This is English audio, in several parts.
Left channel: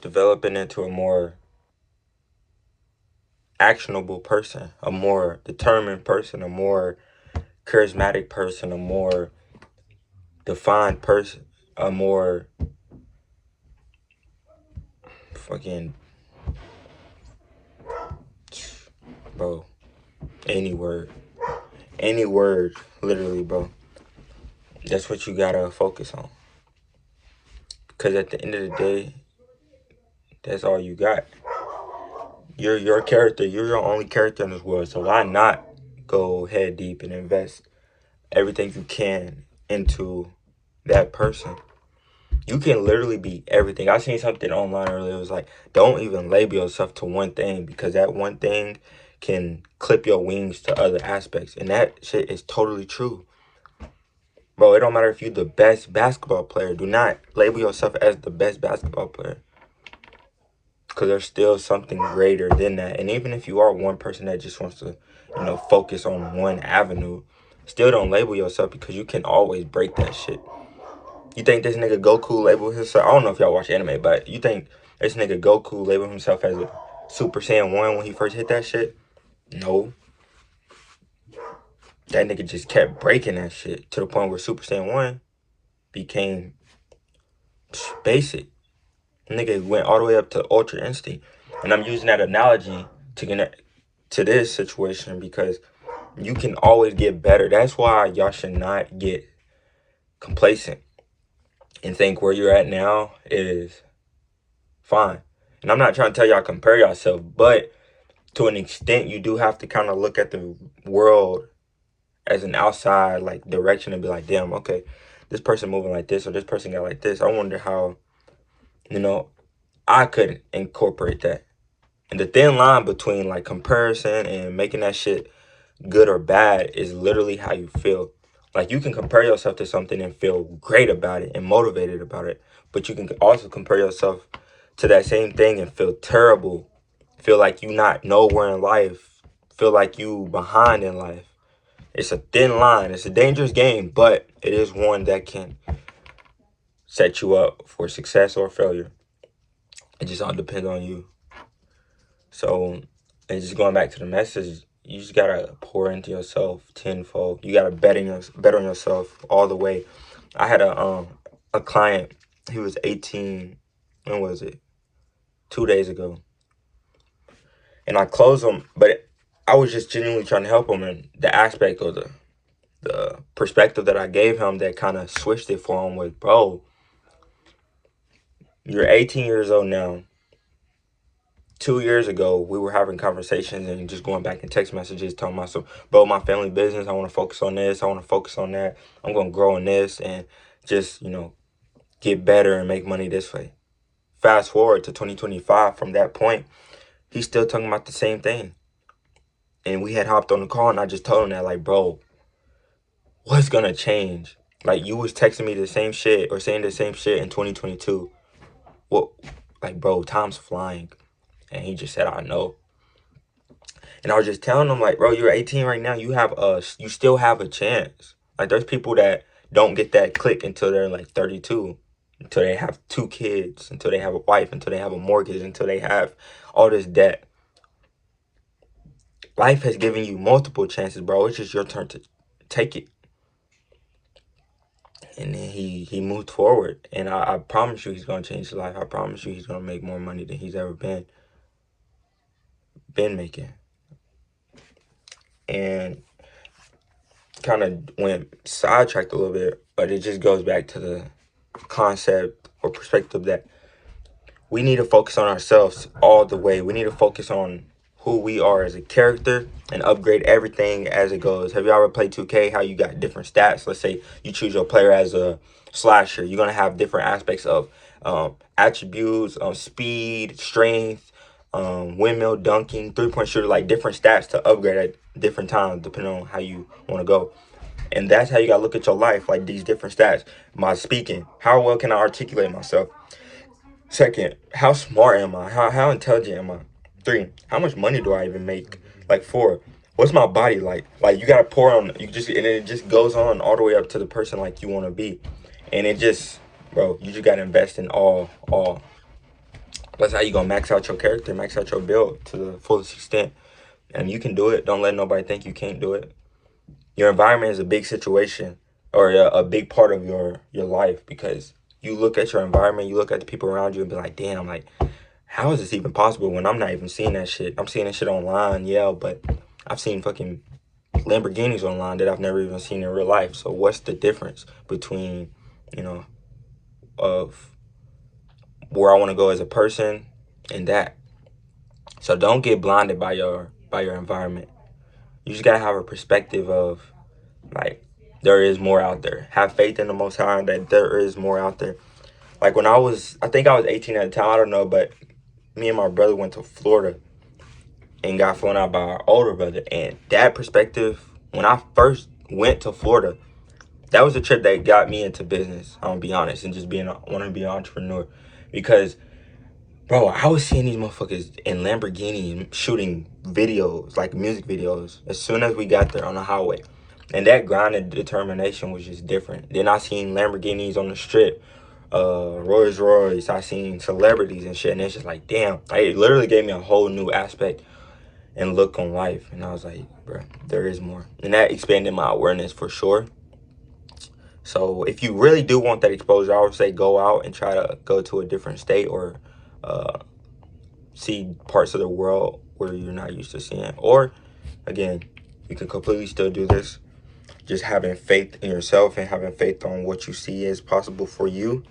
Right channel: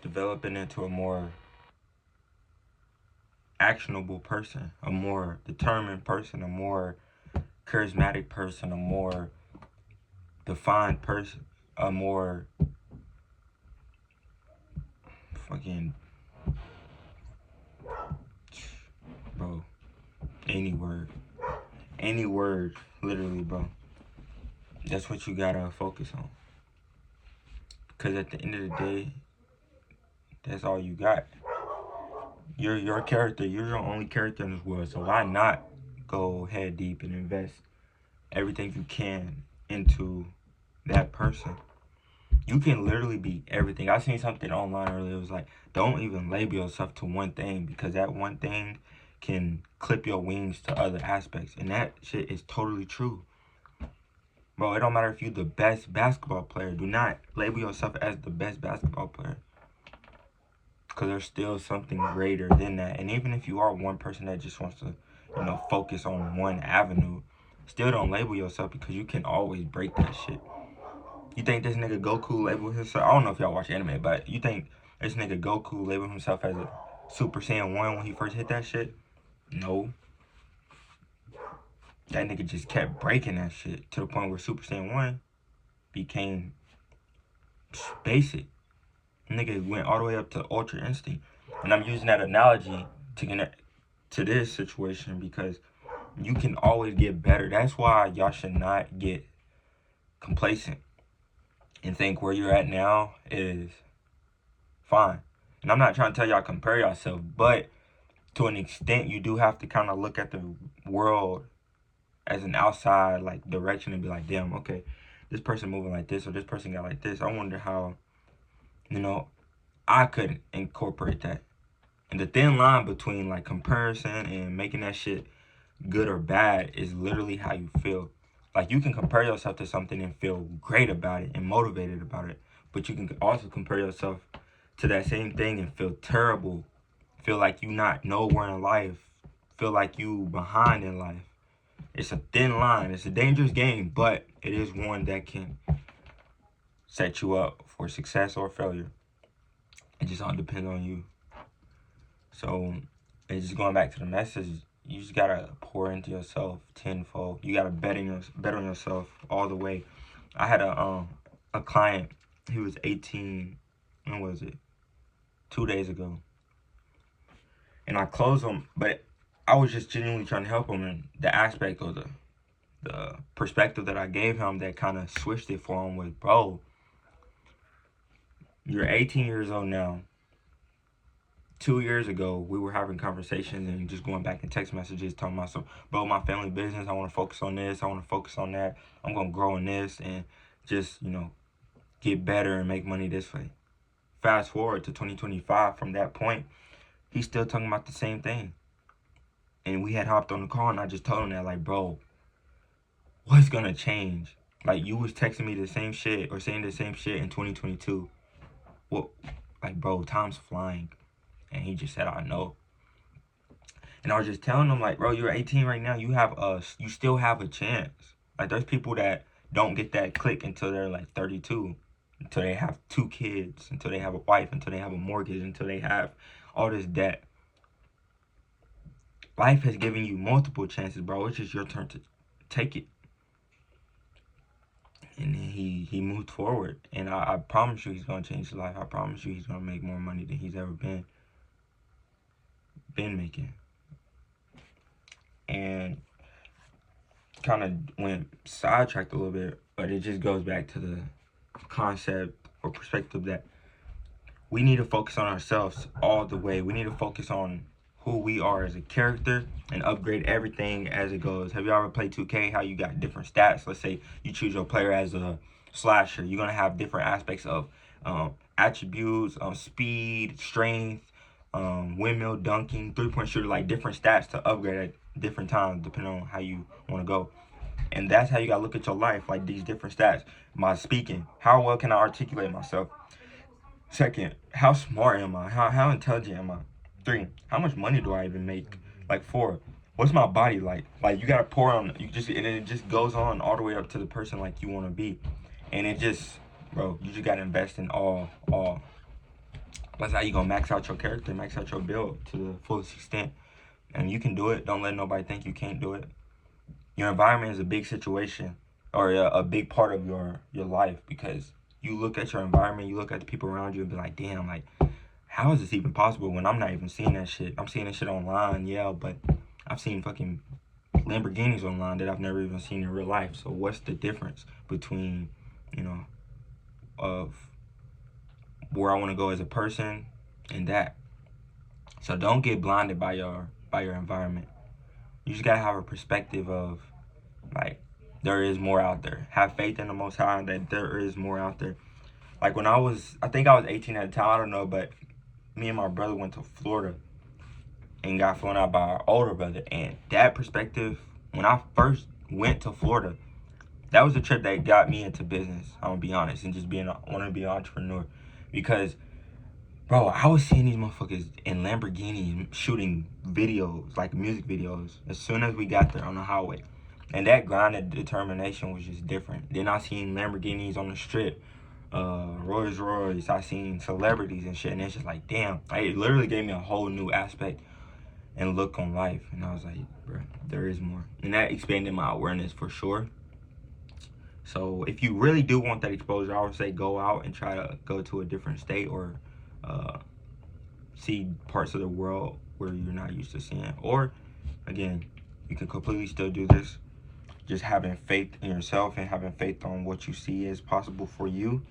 developing into a more actionable person, a more determined person, a more charismatic person, a more defined person, a more fucking, bro, any word, literally, bro. That's what you gotta focus on. Because at the end of the day, that's all you got. You're your character. You're your only character in this world. So why not go head deep and invest everything you can into that person? You can literally be everything. I seen something online earlier. It was like, don't even label yourself to one thing, because that one thing can clip your wings to other aspects. And that shit is totally true. Bro, it don't matter if you're the best basketball player. Do not label yourself as the best basketball player, because there's still something greater than that. And even if you are one person that just wants to, focus on one avenue, still don't label yourself, because you can always break that shit. You think this nigga Goku labeled himself? I don't know if y'all watch anime, but you think this nigga Goku labeled himself as a Super Saiyan 1 when he first hit that shit? No. That nigga just kept breaking that shit to the point where Super Saiyan 1 became basic. Nigga went all the way up to Ultra Instinct. And I'm using that analogy to connect to this situation, because you can always get better. That's why y'all should not get complacent and think where you're at now is fine. And I'm not trying to tell y'all compare yourself, but to an extent, you do have to kind of look at the world as an outside like direction and be like, damn, okay, this person moving like this, or this person got like this. I wonder how, I could incorporate that. And the thin line between like comparison and making that shit good or bad is literally how you feel. Like, you can compare yourself to something and feel great about it and motivated about it, but you can also compare yourself to that same thing and feel terrible, feel like you not nowhere in life, feel like you behind in life. It's a thin line. It's a dangerous game, but it is one that can set you up for success or failure. It just all depends on you. So, and just going back to the message, you just gotta pour into yourself tenfold. You gotta bet on yourself all the way. I had a client. He was 18. When was it? 2 days ago. And I closed him, but I was just genuinely trying to help him. And the aspect of the perspective that I gave him that kind of switched it for him was, bro, you're 18 years old now. 2 years ago, we were having conversations and just going back in text messages, talking about some, bro, my family business, I want to focus on this, I want to focus on that, I'm going to grow in this and just, get better and make money this way. Fast forward to 2025, from that point, he's still talking about the same thing. And we had hopped on the call and I just told him that, like, bro, what's going to change? Like, you was texting me the same shit or saying the same shit in 2022. What, like, bro, time's flying. And he just said, I know. And I was just telling him, like, bro, you're 18 right now. You still have a chance. Like, there's people that don't get that click until they're like 32, until they have 2 kids, until they have a wife, until they have a mortgage, until they have all this debt. Life has given you multiple chances, bro. It's just your turn to take it. And then he moved forward. And I promise you he's going to change his life. I promise you he's going to make more money than he's ever been making. And kind of went sidetracked a little bit, but it just goes back to the concept or perspective that we need to focus on ourselves all the way. We need to focus on who we are as a character and upgrade everything as it goes. Have you ever played 2K? How you got different stats? Let's say you choose your player as a slasher. You're going to have different aspects of attributes, speed, strength, windmill dunking, three-point shooter, like different stats to upgrade at different times depending on how you want to go. And that's how you got to look at your life, like these different stats. My speaking, how well can I articulate myself? Second, how smart am I? How intelligent am I? 3, how much money do I even make? Like 4, what's my body like? Like, you gotta pour on, and it just goes on all the way up to the person like you want to be. And it just, bro, you just gotta invest in all. That's how you gonna max out your character, max out your build to the fullest extent. And you can do it. Don't let nobody think you can't do it. Your environment is a big situation, or a big part of your life, because you look at your environment, you look at the people around you and be like, damn, like, how is this even possible when I'm not even seeing that shit? I'm seeing that shit online, yeah, but I've seen fucking Lamborghinis online that I've never even seen in real life. So what's the difference between, you know, of where I want to go as a person and that? So don't get blinded by your environment. You just gotta have a perspective of, like, there is more out there. Have faith in the Most High that there is more out there. Like when I think I was 18 at the time, I don't know, but me and my brother went to Florida and got flown out by our older brother. And that perspective, when I first went to Florida, that was the trip that got me into business, I'm gonna be honest, and just wanting to be an entrepreneur. Because, bro, I was seeing these motherfuckers in Lamborghinis shooting videos, like music videos, as soon as we got there on the highway. And that grind and determination was just different. Then I seen Lamborghinis on the strip, Rolls Royce. I seen celebrities and shit, and it's just like, damn. It literally gave me a whole new aspect and look on life. And I was like, bro, there is more. And that expanded my awareness for sure. So if you really do want that exposure, I would say go out and try to go to a different state, or see parts of the world where you're not used to seeing. Or, again, you can completely still do this. Just having faith in yourself and having faith on what you see is possible for you.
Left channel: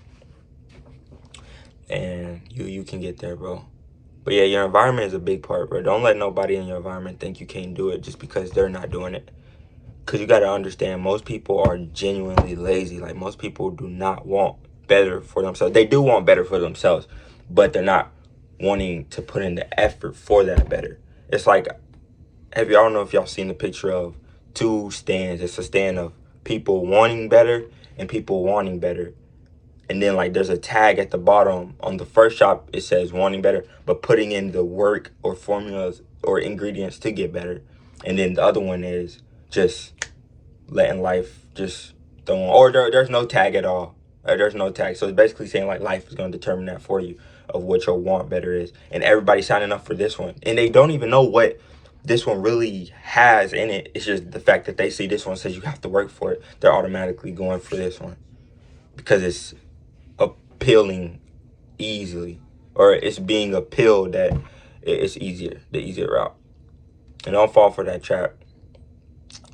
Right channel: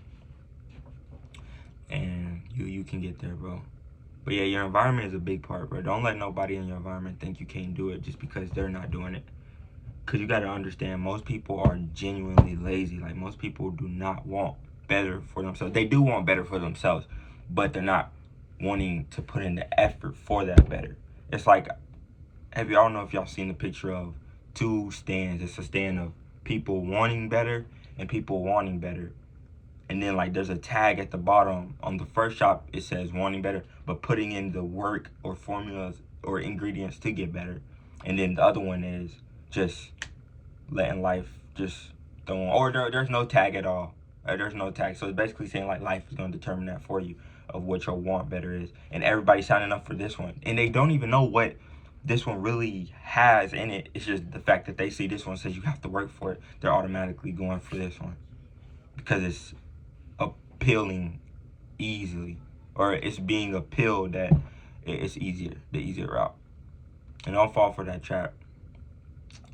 And you can get there, bro. But yeah, your environment is a big part, bro. Don't let nobody in your environment think you can't do it just because they're not doing it. Because you got to understand, most people are genuinely lazy. Like, most people do not want better for themselves. They do want better for themselves, but they're not wanting to put in the effort for that better. It's like, I don't know if y'all seen the picture of two stands. It's a stand of people wanting better and people wanting better. And then, like, there's a tag at the bottom. On the first shop, it says wanting better, but putting in the work or formulas or ingredients to get better. And then the other one is just letting life just throw on. Or there's no tag at all. There's no tag. So it's basically saying, like, life is going to determine that for you, of what your want better is. And everybody's signing up for this one. And they don't even know what this one really has in it. It's just the fact that they see this one says you have to work for it. They're automatically going for this one because it's appealing easily, or it's being appealed that it's easier, the easier route. And don't fall for that trap.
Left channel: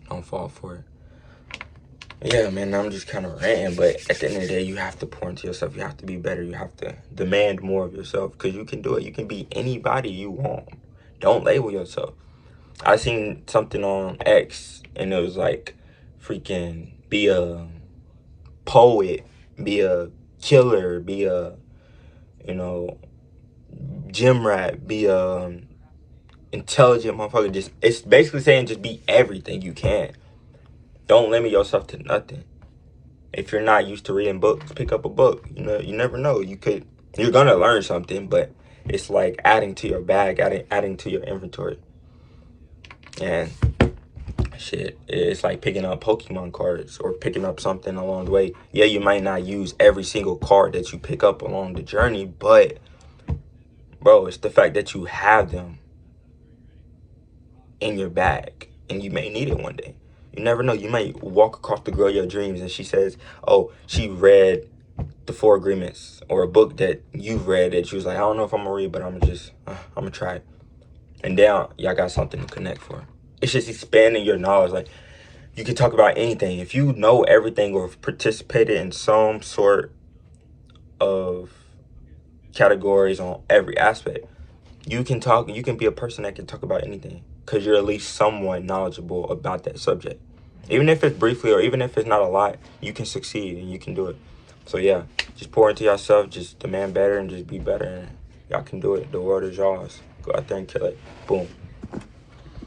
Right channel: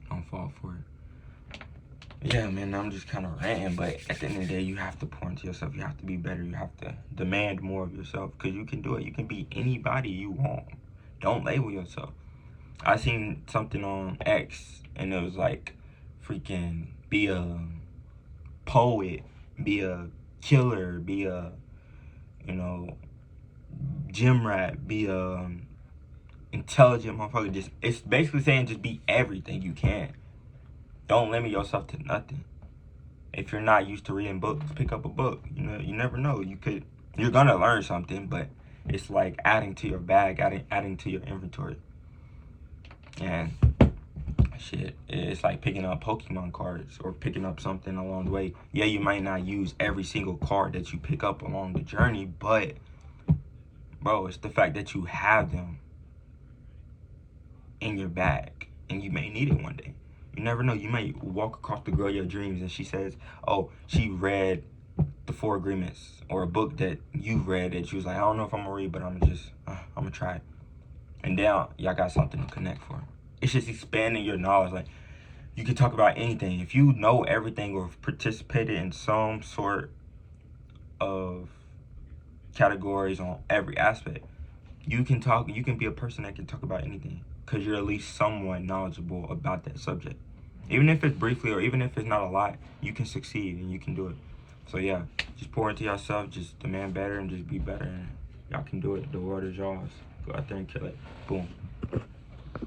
Don't fall for it. Yeah, man, I'm just kind of ranting, but at the end of the day, you have to pour into yourself. You have to be better. You have to demand more of yourself, because you can do it. You can be anybody you want. Don't label yourself. I seen something on X, and it was like, freaking be a poet, be a killer, be a, gym rat, be a intelligent motherfucker. Just, it's basically saying just be everything you can. Don't limit yourself to nothing. If you're not used to reading books, pick up a book. You never know. You're gonna learn something, but it's like adding to your bag, adding to your inventory. And shit, it's like picking up Pokemon cards or picking up something along the way. Yeah, you might not use every single card that you pick up along the journey, but, bro, it's the fact that you have them in your bag, and you may need it one day. You never know. You might walk across the girl of your dreams, and she says, oh, she read the 4 Agreements, or a book that you've read that she was like, I don't know if I'm gonna read, but I'm gonna try it. And now y'all got something to connect for. It's just expanding your knowledge. Like, you can talk about anything. If you know everything or participated in some sort of categories on every aspect, you can be a person that can talk about anything, because you're at least somewhat knowledgeable about that subject. Even if it's briefly, or even if it's not a lot, you can succeed and you can do it. So yeah, just pour into yourself, just demand better, and just be better, and y'all can do it. The world is yours. Go out there and kill it. Boom.